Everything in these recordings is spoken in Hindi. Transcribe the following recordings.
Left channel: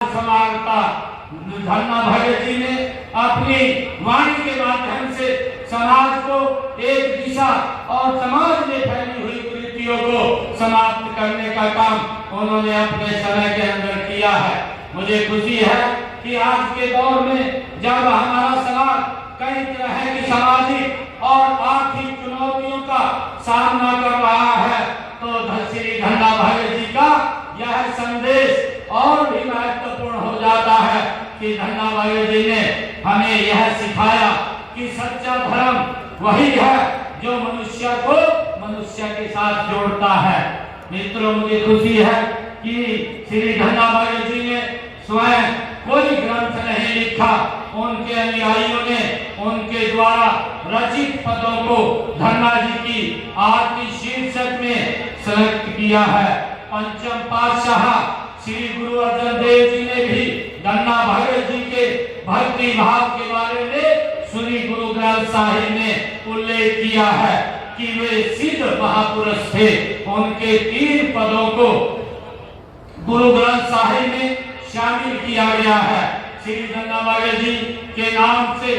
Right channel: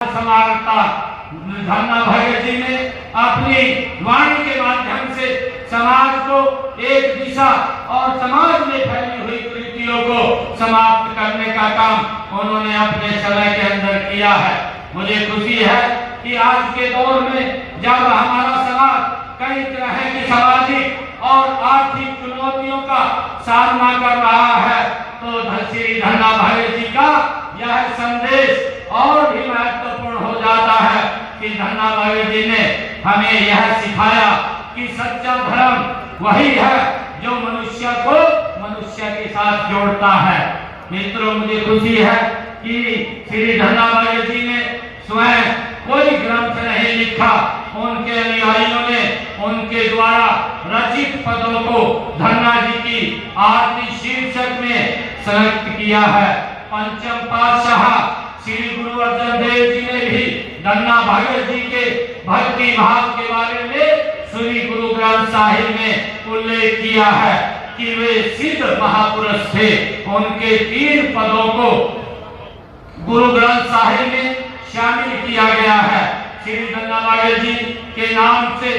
समानता धन्ना भगत जी ने अपनी वाणी के माध्यम से समाज को एक दिशा और समाज में फैली हुई कुरीतियों को समाप्त करने का काम उन्होंने अपने समय के अंदर किया है। मुझे खुशी है कि आज के दौर में जब हमारा समाज कई तरह की सामाजिक और आर्थिक चुनौतियों का सामना कर रहा है, तो श्री धन्ना भगत जी का यह संदेश और भी महत्वपूर्ण हो जाता है कि धन्ना भगत जी ने हमें यह सिखाया कि सच्चा धर्म वही है जो मनुष्य को मनुष्य के साथ जोड़ता है। मित्रों, मुझे खुशी है कि श्री धन्ना भगत जी ने स्वयं कोई ग्रंथ नहीं लिखा, उनके अनुयायियों ने उनके द्वारा रचित पदों को धन्ना जी की आरती शीर्षक में संरक्षित किया है। पंचम पातशाह श्री गुरु अर्जन देव जी ने भी धन्ना भगत जी के भक्ति भाव के बारे में श्री गुरु ग्रंथ साहिब में उल्लेख किया है कि वे सिद्ध महापुरुष थे। उनके 3 पदों को गुरु ग्रंथ साहिब में शामिल किया गया है। श्री धन्ना भगत जी के नाम से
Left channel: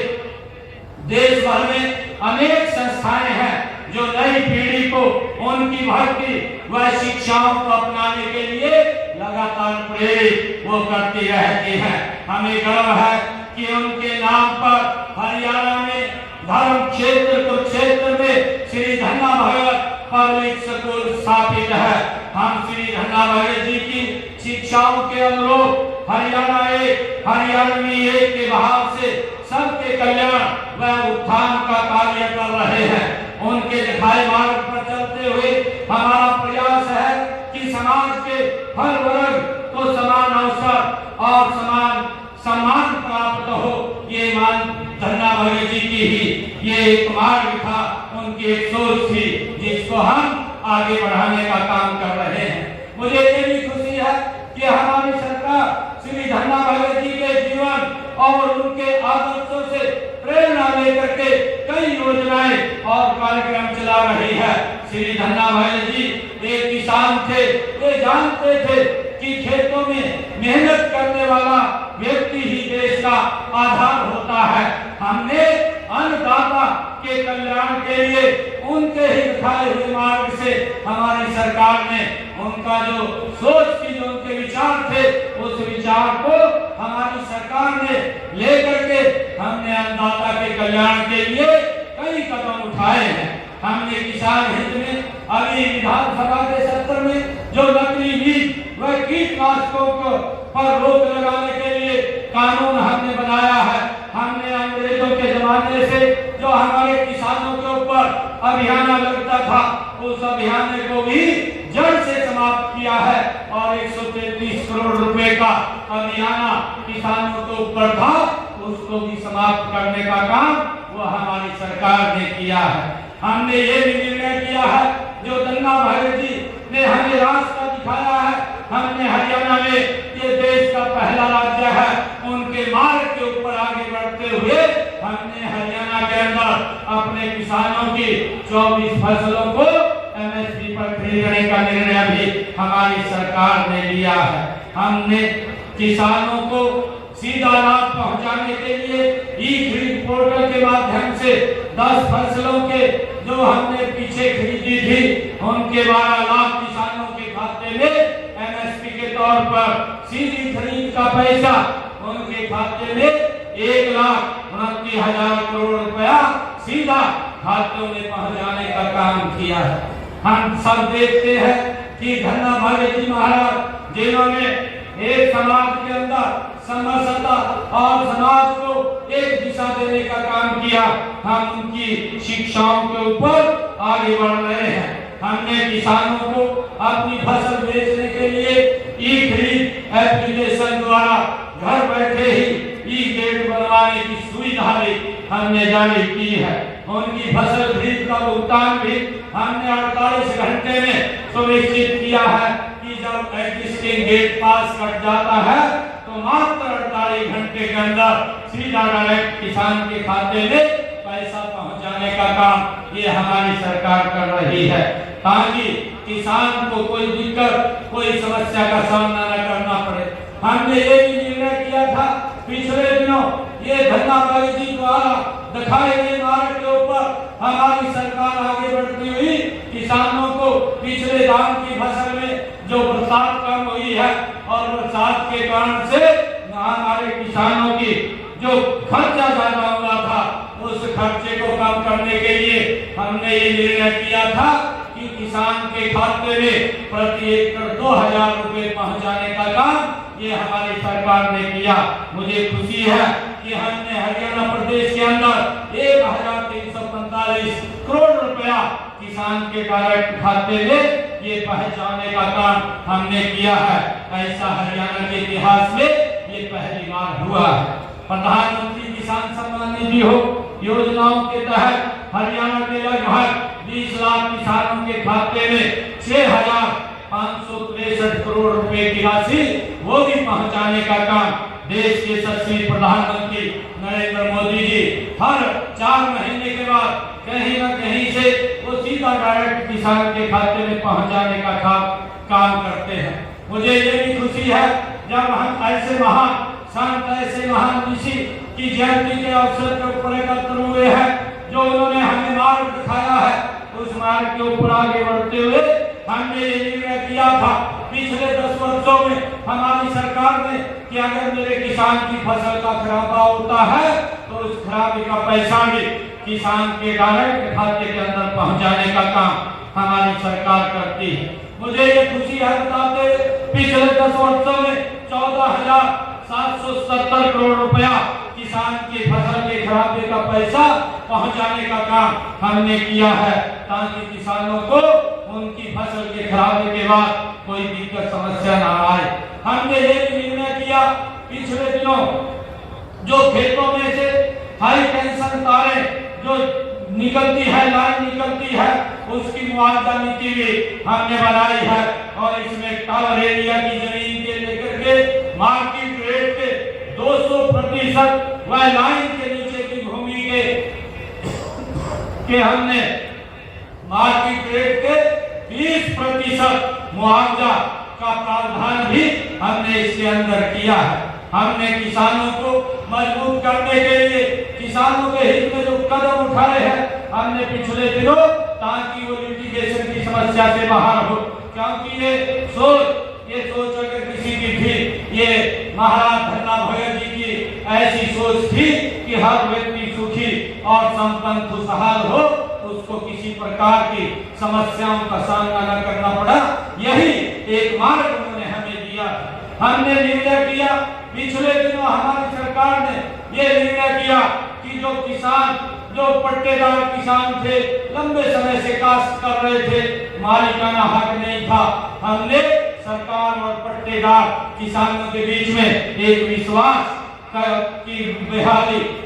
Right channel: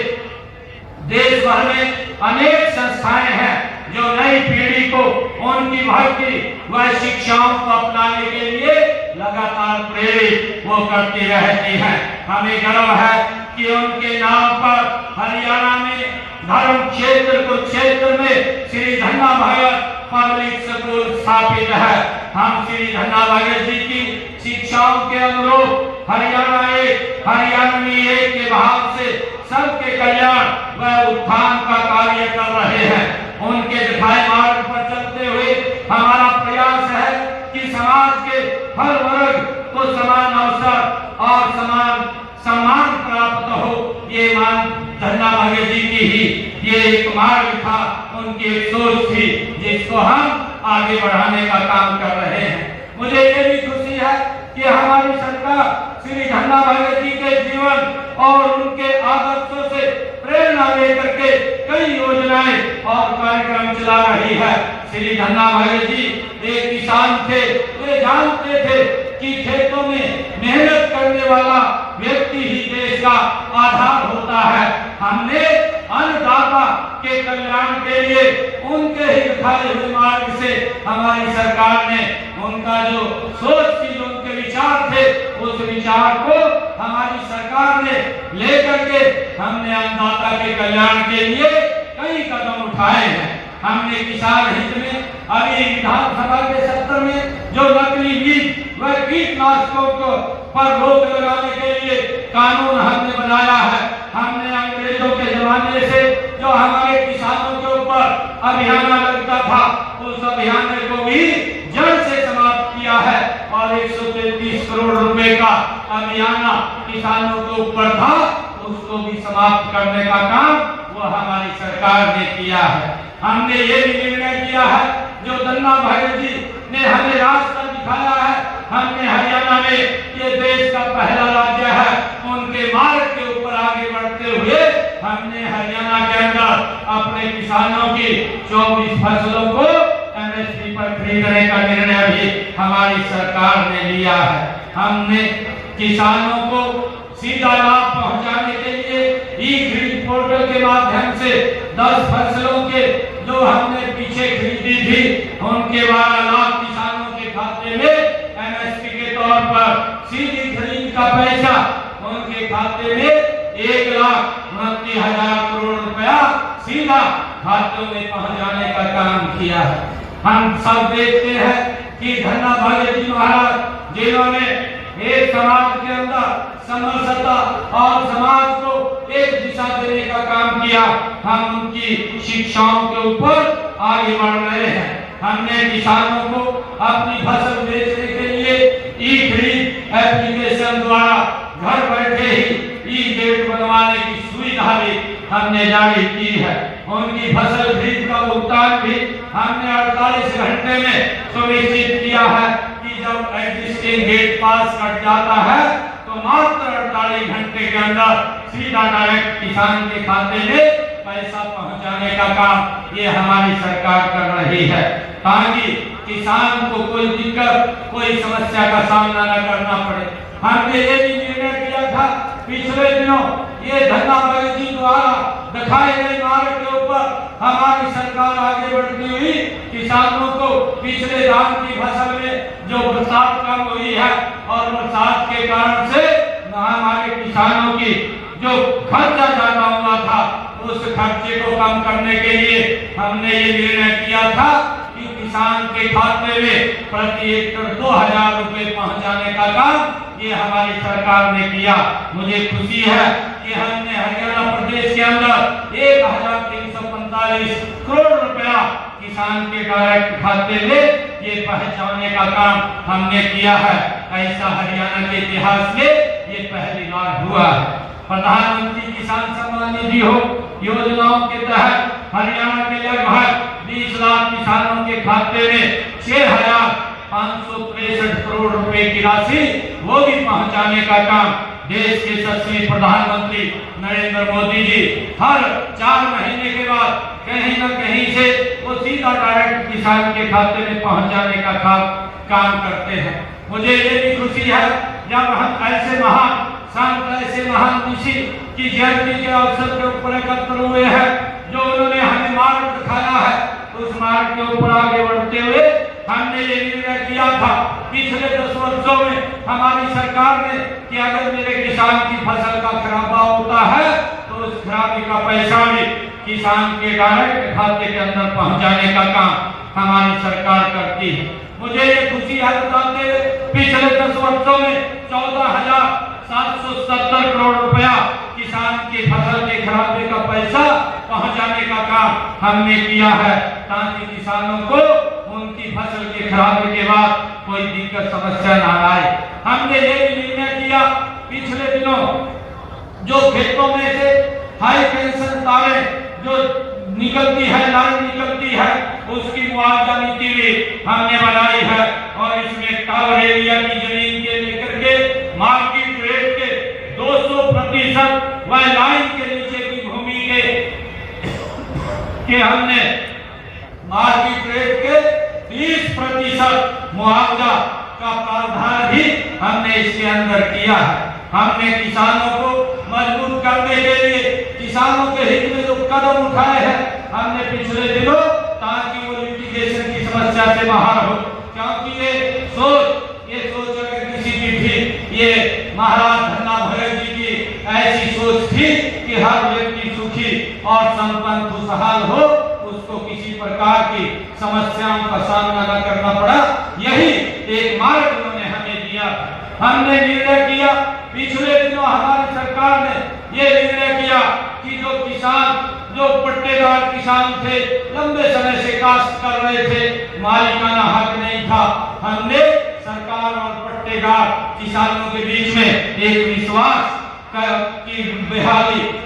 देश भर में अनेक संस्थाएं हैं जो नई पीढ़ी को उनकी भक्ति व शिक्षाओं को अपनाने के लिए लगातार प्रेरित वो करती रहती हैं। हमें गर्व है कि उनके नाम पर हरियाणा में धर्म क्षेत्र कुरुक्षेत्र में श्री धन्ना भगत पब्लिक स्कूल स्थापित है। हम श्री धन्ना भगत जी की शिक्षाओं के अनुरूप हरियाणवी एक के भाव से सबके कल्याण व उत्थान का कार्य कर रहे हैं। उनके दिखाए मार्ग पर चलते हुए हमारा प्रयास है कि समाज के हर वर्ग को समान अवसर और समान सम्मान प्राप्त हो। ये मान धन्ना भगत जी की ही ये एक मार्ग था, उनकी एक सोच थी जिसको हम आगे बढ़ाने का काम कर रहे हैं। मुझे ये भी खुशी है कि हमारी सरकार श्री धन्ना भगत जी के जीवन और उनके आदर्शों से प्रेरणा लेकर के कई योजनाएं और कार्यक्रम चला रही है। श्री धन्ना भगत जी एक किसान थे, वे जानते थे कि खेतों में मेहनत करने वाला व्यक्ति ही देश का आधार होता है। हमने अन्नदाता के कल्याण के लिए उनके ही दिखाए हुए मार्ग से हमारी सरकार ने उनका जो सोच थी, जो उनके विचार थे, उस विचार को हमारी सरकार ने लेकर के हमने अन्नदाता के कल्याण के लिए कई कदम उठाए हैं। हमने किसान हित में अभी विधानसभा के सत्र में जो नकली बीज व कीटनाशकों पर रोक लगाने के लिए कानून हमने बनाया है। हमने अंग्रेजों के जमाने से जो हमारे किसानों के ऊपर अभियान लगता था, उस अभियान को भी जड़ से समाप्त किया है और 133 करोड़ रुपए का अभियान किसानों के ऊपर था, उसको भी समाप्त करने का काम वो हमारी सरकार ने किया है। हमने ये भी निर्णय किया है, जो धन्ना भगत जी ने हमें रास्ता दिखाया है। हमने हरियाणा में ये देश का पहला राज्य है, उनके मार्ग के ऊपर आगे बढ़ते हुए हमने हरियाणा के अंदर अपने किसानों की 24 फसलों को एमएसपी पर खरीदने का निर्णय भी हमारी सरकार ने लिया है। हमने किसानों को सीधा लाभ पहुंचाने के लिए ई खरीद पोर्टल के माध्यम से 10 फसलों के जो हमने पीछे खरीदी थी, उनके 12 लाख किसानों के खाते में एमएसपी के तौर पर सीधी खरीद का पैसा उनके खाते में 1,29,000 करोड़ रुपया सीधा खातों में पहुंचाने का काम किया है। हम सब देखते हैं कि धन्ना भगत जी महाराज जिन्होंने एक समाज के अंदर समरसता और समाज को एक दिशा देने का काम किया, हम उनकी शिक्षाओं के ऊपर आगे बढ़ रहे हैं। हमने किसानों को अपनी फसल बेचने के लिए ई खरीद एप्लीकेशन द्वारा घर बैठे ही ई गेट बनवाने की सुविधा भी हमने जारी की है। उनकी फसल खरीद का भुगतान भी हमने 48 घंटे में सुनिश्चित किया है कि जब एग्जिस्टिंग गेट पास कट जाता है तो मात्र 48 घंटे के अंदर सीधा डायरेक्ट किसान के खाते में पैसा पहुंचाने का काम ये हमारी सरकार कर रही है, ताकि किसान को कोई दिक्कत, कोई समस्या का सामना न करना पड़े। हमने ये भी निर्णय किया था पिछले दिनों, ये धन्ना भाई जी द्वारा दिखाए गए मार्ग के ऊपर हमारी सरकार आगे बढ़ती हुई किसानों को पिछले धान की फसल में जो बरसात कम हुई है और बरसात के कारण से हमारे किसानों की जो खर्चा ज्यादा हुआ था उस खर्चे को कम करने के लिए हमने ये निर्णय किया था कि किसान के खाते में प्रति एकड़ 2000 रुपए पहुंचाने का काम ये हमारी सरकार ने किया। मुझे खुशी है कि हमने हरियाणा प्रदेश के अंदर 1345 करोड़ रुपया किसान के डायरेक्ट खाते में ये पहुंचाने का काम हमने किया है। ऐसा हरियाणा के इतिहास में ये पहली बार हुआ है। प्रधानमंत्री किसान सम्मान निधि हो योजनाओं के तहत हरियाणा के लगभग 20 लाख किसानों के खाते में 6563 करोड़ रुपए की राशि वो भी पहुंचाने का काम देश के यशस्वी प्रधानमंत्री नरेंद्र मोदी जी हर 4 महीने के बाद कहीं न कहीं से वो सीधा डायरेक्ट किसान के खाते में पहुंचाने का काम करते हैं। मुझे ये भी खुशी है जब हम ऐसे महान संत, ऐसे महान ऋषि की जयंती के अवसर के ऊपर एकत्र हुए हैं, जो उन्होंने हमें मार्ग दिखाया है, उस मार्ग के ऊपर आगे बढ़ते हुए हमने ये निर्णय किया था पिछले 10 वर्षों में हमारी सरकार ने कि अगर मेरे किसान की फसल का खराबा होता है तो उस खराबी का पैसा भी किसान के डायरेक्ट खाते के अंदर पहुंचाने का काम हमारी सरकार करती है। मुझे ये खुशी है बताते हुए पिछले 10 वर्षों में 14,770 करोड़ रुपया किसान की फसल के खराबे का पैसा पहुंचाने का काम हमने किया है, ताकि किसानों को उनकी फसल के खराबे के बाद कोई दिक्कत समस्या न आए। हमने ये भी निर्णय किया पिछले दिनों जो खेतों में से हाई टेंशन तारें जो निकलती है, लाइन निकलती है, उसकी मुआवजा नीति भी हमने बनाई है और इसमें टावर एरिया की जमीन के लेकर के मार्केट रेट के 200% वह लाइन के नीचे की भूमि के हमने मार्केट रेट के 20% मुआवजा का प्रावधान भी हमने इसके अंदर किया है। हमने किसानों को मजबूत करने के लिए किसानों के हित में जो कदम उठाए हैं हमने पिछले दिनों, ताकि वो लिटिगेशन की समस्या से बाहर हो, क्योंकि ये सोच अगर किसी की थी, ये महाराज धन्ना भगत जी की ऐसी सोच थी कि हर व्यक्ति सुखी और संपन्न खुशहाल हो, उसको किसी प्रकार की समस्याओं का सामना न करना पड़ा। यही एक मार्ग उन्होंने हमें दिया। हमने निर्णय किया पिछले दिनों हमारी सरकार ने ये निर्णय किया कि जो किसान, जो पट्टेदार किसान थे, लंबे समय से काश्त कर रहे थे, मालिकाना हक नहीं था, हमने सरकार और पट्टेदार किसानों के बीच में एक विश्वास की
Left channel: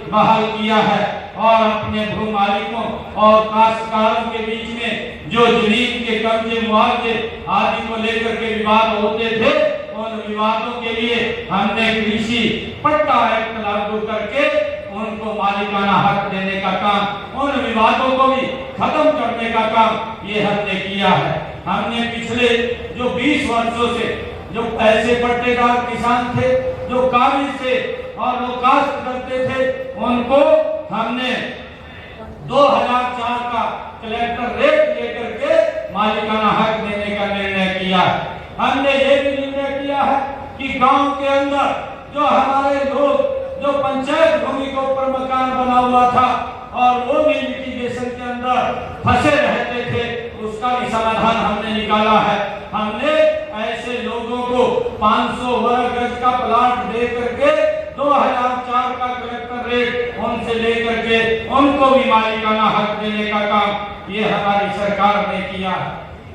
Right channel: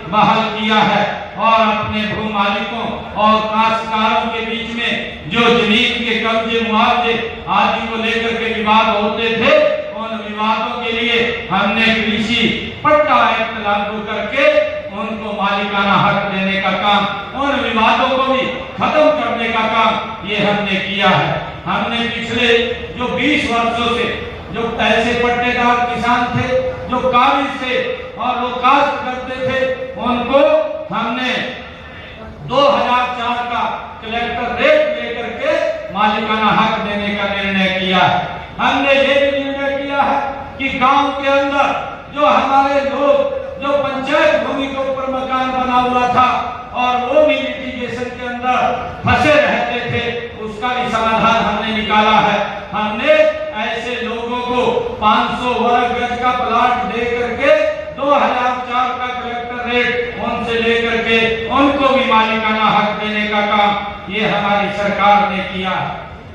बहाल किया है और अपने भू मालिकों और काश्तकारों के बीच में जो जमीन के कब्जे, मुआवजे आदि को लेकर के विवाद होते थे, उन विवादों के लिए हमने कृषि पट्टा एक्ट लागू करके उनको मालिकाना हक देने का काम, उन विवादों को भी खत्म करने का काम ये हमने किया है। हमने पिछले जो 20 वर्षों से जो ऐसे पट्टेदार किसान थे जो काबिज थे और वो काश्त करते थे, उनको हमने 2004 का कलेक्टर रेट लेकर के मालिकाना हक देने का निर्णय किया। हमने ये भी निर्णय किया है कि गांव के अंदर जो हमारे लोग जो पंचायत भूमि के ऊपर मकान बना हुआ था और वो भी लिटिगेशन के अंदर फंसे रहते थे, उसका भी समाधान हमने निकाला है। हमने ऐसे लोगों को 500 वर्ग गज का प्लाट दे करके 2004 का कलेक्टर रेट उनसे लेकर के उनको भी मालिकाना हक देने का काम ये हमारी सरकार ने किया।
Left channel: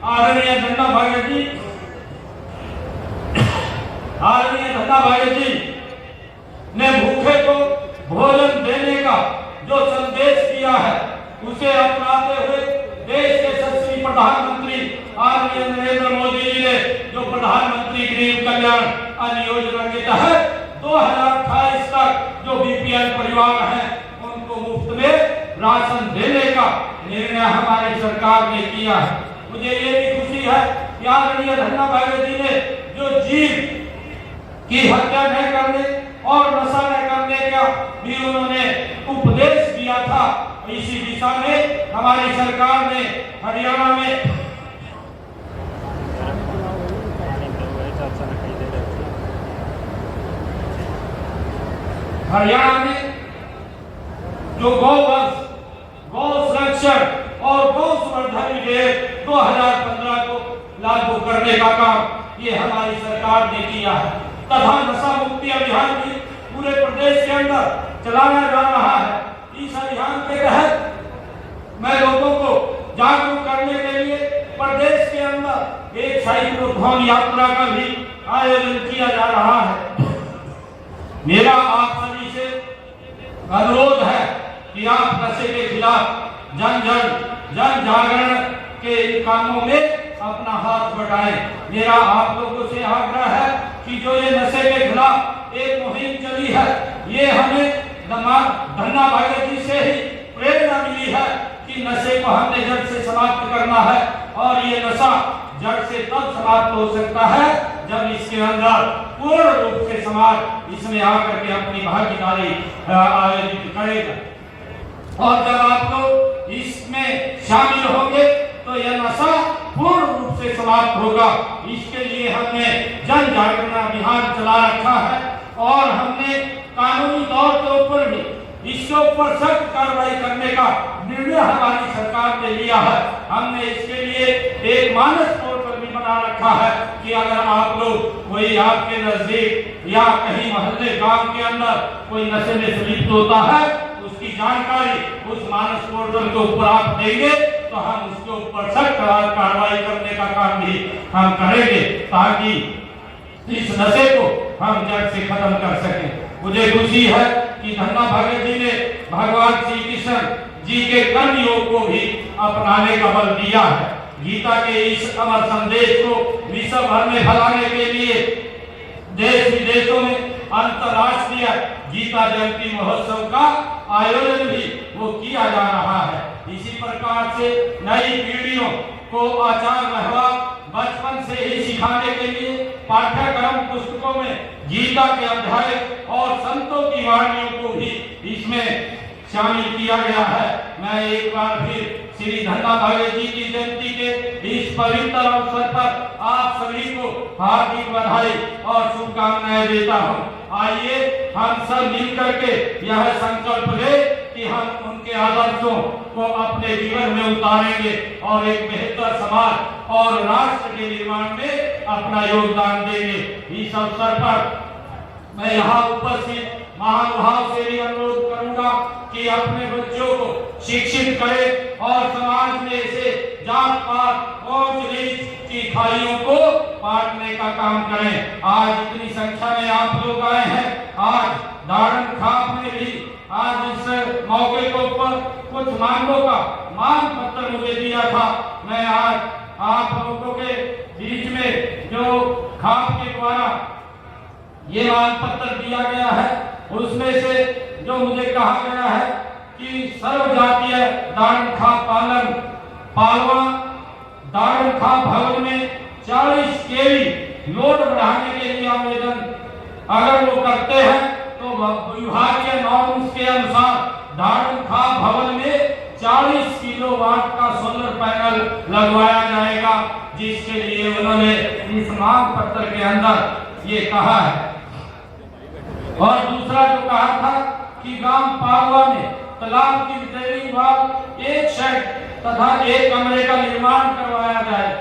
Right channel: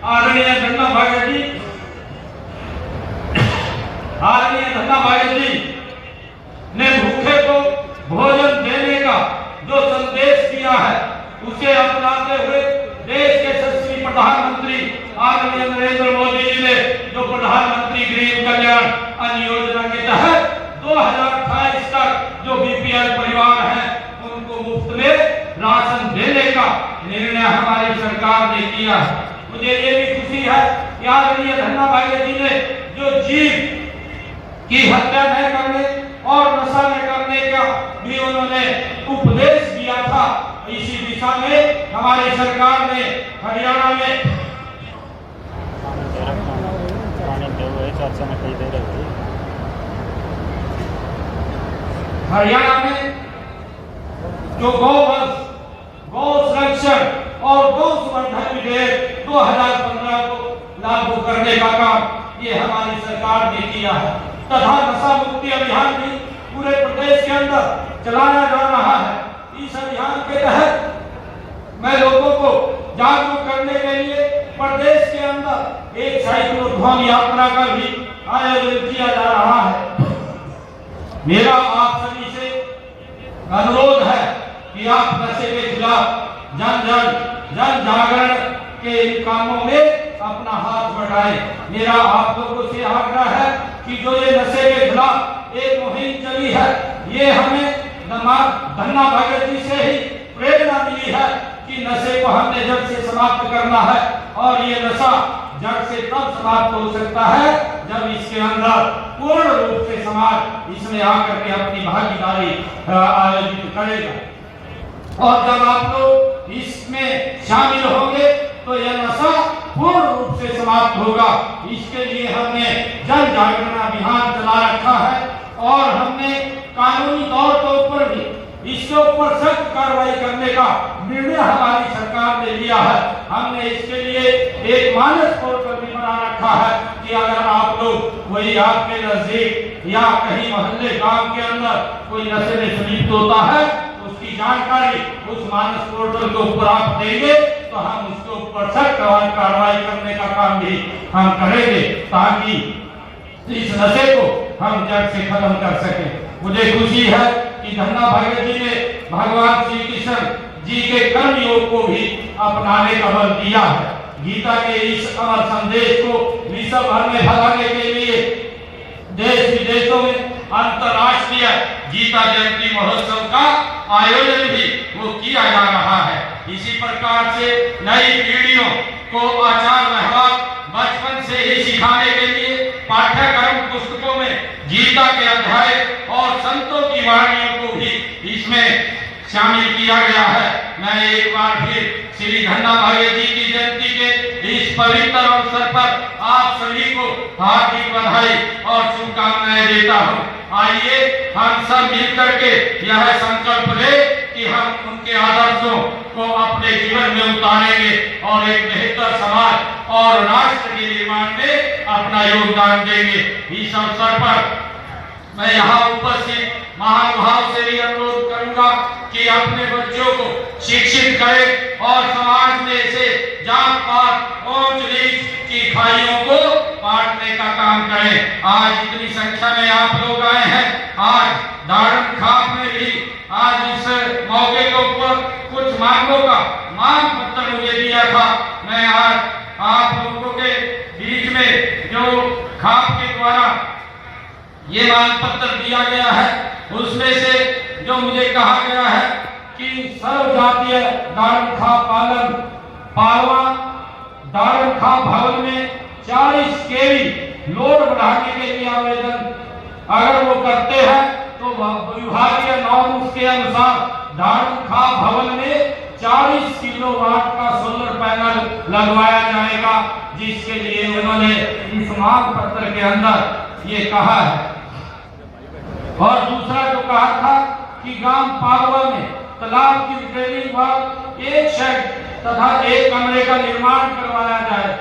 आदरणीय धन्ना भाई जी ने भूखे को भोजन देने का जो संदेश दिया है, उसे अपनाते हुए देश के यशस्वी प्रधानमंत्री आदरणीय नरेंद्र मोदी जी ने जो प्रधानमंत्री गरीब कल्याण अन्न योजना के तहत 2028 तक जो बीपीएल परिवार हैं उनको मुफ्त में राशन देने का निर्णय हमारी सरकार ने किया है। मुझे ये भी खुशी है कि आदरणीय धन्ना भाई जी ने जो जीव की हत्या न करने और नशा न करने का भी उन्होंने उपदेश दिया था। इसी दिशा में हमारी सरकार ने हरियाणा में जो गौ संरक्षण और गौ संवर्धन विधेयक 2015 को लागू करने का काम ये हमारी सरकार ने किया है तथा नशा मुक्ति अभियान भी पूरे प्रदेश के अंदर चलाया जा रहा है। इस अभियान के तहत मैं लोगों को जागरूक करने के लिए प्रदेश के अंदर एक साइक्लोथॉन यात्रा का भी आयोजन किया जा रहा है। मेरा आप सभी से अनुरोध है कि आप नशे के खिलाफ जन जागरण के इन कामों में अपना हाथ बढ़ाएं। मेरा आप लोगों से आग्रह है कि जो ये नशे के खिलाफ एक मुहिम चली है, ये हमें धन्ना भाग्य जी से ही प्रेरणा मिली है कि नशे को हमने जड़ से समाप्त करना है। और ये नशा जड़ से तब समाप्त हो सकता है जब इसके अंदर पूर्ण रूप से समाज इसमें आकर के अपनी भागीदारी आयोजित करेगा। और जब आप लोग इसमें शामिल होंगे तो यह नशा पूर्ण रूप से समाप्त होगा। इसके लिए हमने जन जागरण अभियान चला रखा है और हमने कानूनी तौर के ऊपर भी इसके ऊपर सख्त कार्रवाई करने का निर्णय हमारी सरकार ने लिया है। हमने इसके लिए एक मानस पोर्टल भी बना रखा है कि अगर आप लोग वही आपके नजदीक या कहीं मोहल्ले गांव के अंदर कोई नशे में संलिप्त होता है उसकी जानकारी उस मानस पोर्टल के ऊपर आप देंगे तो हम उसके ऊपर सख्त कार्रवाई करने का काम भी हम करेंगे ताकि इस नशे को हम जड़ से खत्म कर सकें। मुझे खुशी है कि धन्ना भाग्य जी ने भगवान श्री कृष्ण जी के कर्म योग को भी अपनाने का बल दिया है। गीता के इस अमर संदेश को विश्व भर में फैलाने के लिए देश विदेशों में अंतर्राष्ट्रीय गीता जयंती महोत्सव का आयोजन भी वो किया जा रहा है। इसी प्रकार से नई पीढ़ियों को आचार व्यवहार बचपन से ही सिखाने के लिए पाठ्यक्रम पुस्तकों में गीता के अध्याय और संतों की वाणियों को भी इसमें शामिल किया गया है। मैं एक बार फिर श्री धन्ना भाग्य जी की जयंती के इस पवित्र अवसर पर आप सभी को हार्दिक बधाई और शुभकामनाएं देता हूँ। आइए हम सब मिलकर के यह संकल्प ले कि हम उनके आदर्शों को अपने जीवन में उतारेंगे और एक बेहतर समाज और राष्ट्र के निर्माण में अपना योगदान देंगे। इस अवसर पर मैं यहाँ उपस्थित महानुभाव से भी अनुरोध करूंगा कि अपने बच्चों को शिक्षित करें और समाज में से जात पात और नीच की खाइयों को बांटने का काम करें। आज इतनी संख्या में आप लोग आए हैं। आज दाड़म खाप में भी आज इस मौके के ऊपर कुछ मांगों का मांग पत्र मुझे दिया था। मैं आज आप लोगों के बीच में जो खाप के द्वारा ये मांग पत्र दिया गया है उसमें से जो मुझे कहा गया है कि सर्व जातीय दाड़म खाप पालवा दाड़म खाप भवन में 40 केवी लोड बढ़ाने के लिए आवेदन अगर वो करते हैं तो विभागीय नॉर्म्स के अनुसार दाड़म खाप भवन में 40 किलोवाट का सोलर पैनल लगवाया जाएगा, जिसके लिए उन्होंने इस मांग पत्र के अंदर ये कहा है। और दूसरा जो कहा था कि गांव पालवा में तालाब की रिपेयरिंग बाद एक शेड तथा एक कमरे का निर्माण करवाया जाए।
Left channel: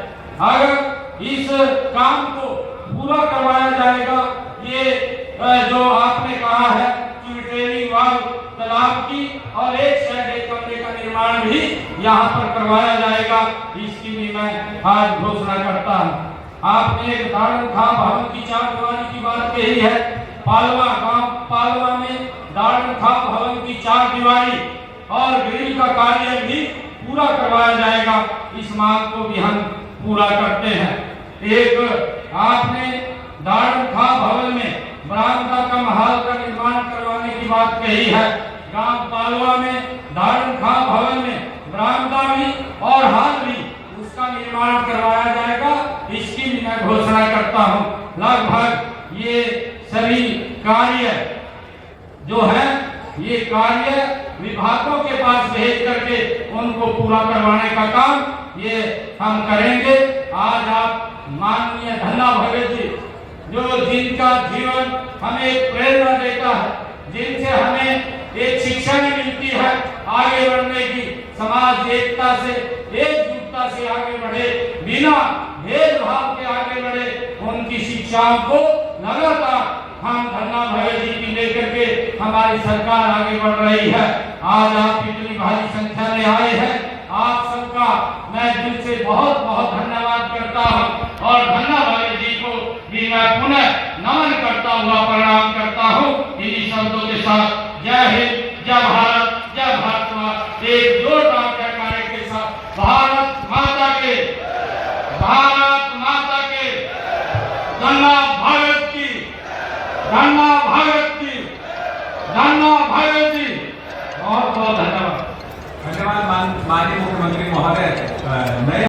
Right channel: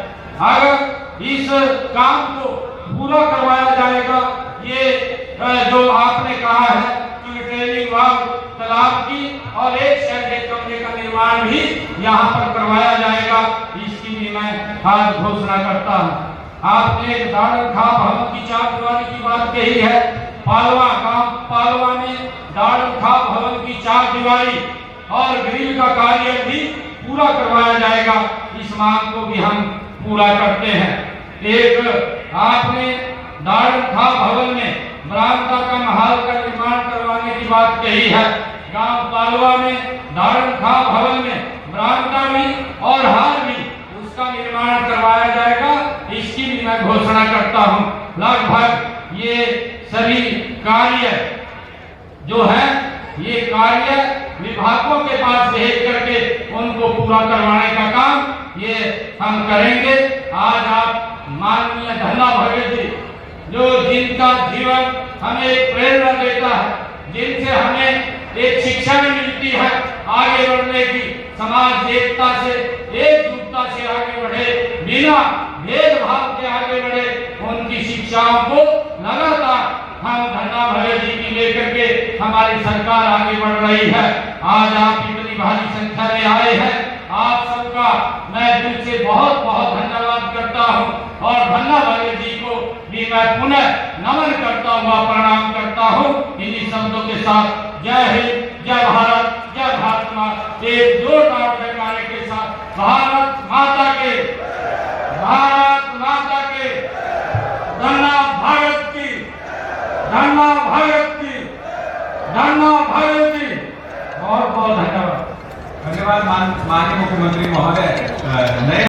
अगर इस काम को पूरा करवाया जाएगा, ये जो आपने कहा है कि रिपेयरिंग बाद तालाब की और एक शेड एक कमरे का निर्माण भी यहाँ पर करवाया जाएगा, इसकी भी मैं आज घोषणा करता हूँ। आपने दाड़म खाप भवन की चारदीवारी की बात कही है। पालवा गांव पालवा में दाड़म खाप भवन की चारदीवारी और ग्रिल का कार्य भी पूरा करवाया जाएगा। इस मांग को भी हम पूरा करते हैं। एक आपने दाड़म खाप भवन में बरामदा का महल का निर्माण करवाने की बात कही है। गांव पालवा में दाड़म खाप भवन में बरामदा भी और हाल भी उसका निर्माण करवाया जाएगा, इसकी भी मैं घोषणा करता हूँ। लगभग ये कार्य जो है ये कार्य विभागों के पास भेज करके उनको पूरा करवाने का काम ये हम करेंगे। आज आप माननीय धन्ना भगत जी जो जिनका जीवन हमें एक प्रेरणा देता है, जिनसे हमें एक शिक्षा मिलती है आगे बढ़ने की, समाज एकता से एकजुटता से आगे बढ़े, बिना भेदभाव के आगे बढ़े, उनकी शिक्षाओं को लगातार हम धन्ना भगत जी की लेकर के हमारी सरकार आगे बढ़ रही है। आज आप इतनी भारी संख्या में आए हैं, आप सबका मैं दिल से बहुत बहुत धन्यवाद करता हूं और धन्ना भगत जी को भी मैं पुनः नमन करता हुआ प्रणाम करता हूं। इन्हीं शब्दों के साथ जय हिंद, जय भारत, जय महात्मा, एक जोरदार जयकारे के साथ भारत माता के, भारत माता के, धन्ना भगत की, धन्ना भगत की, धन्ना भगत जी। बहुत बहुत धन्यवाद। धन्यवाद माननीय मुख्यमंत्री महोदय।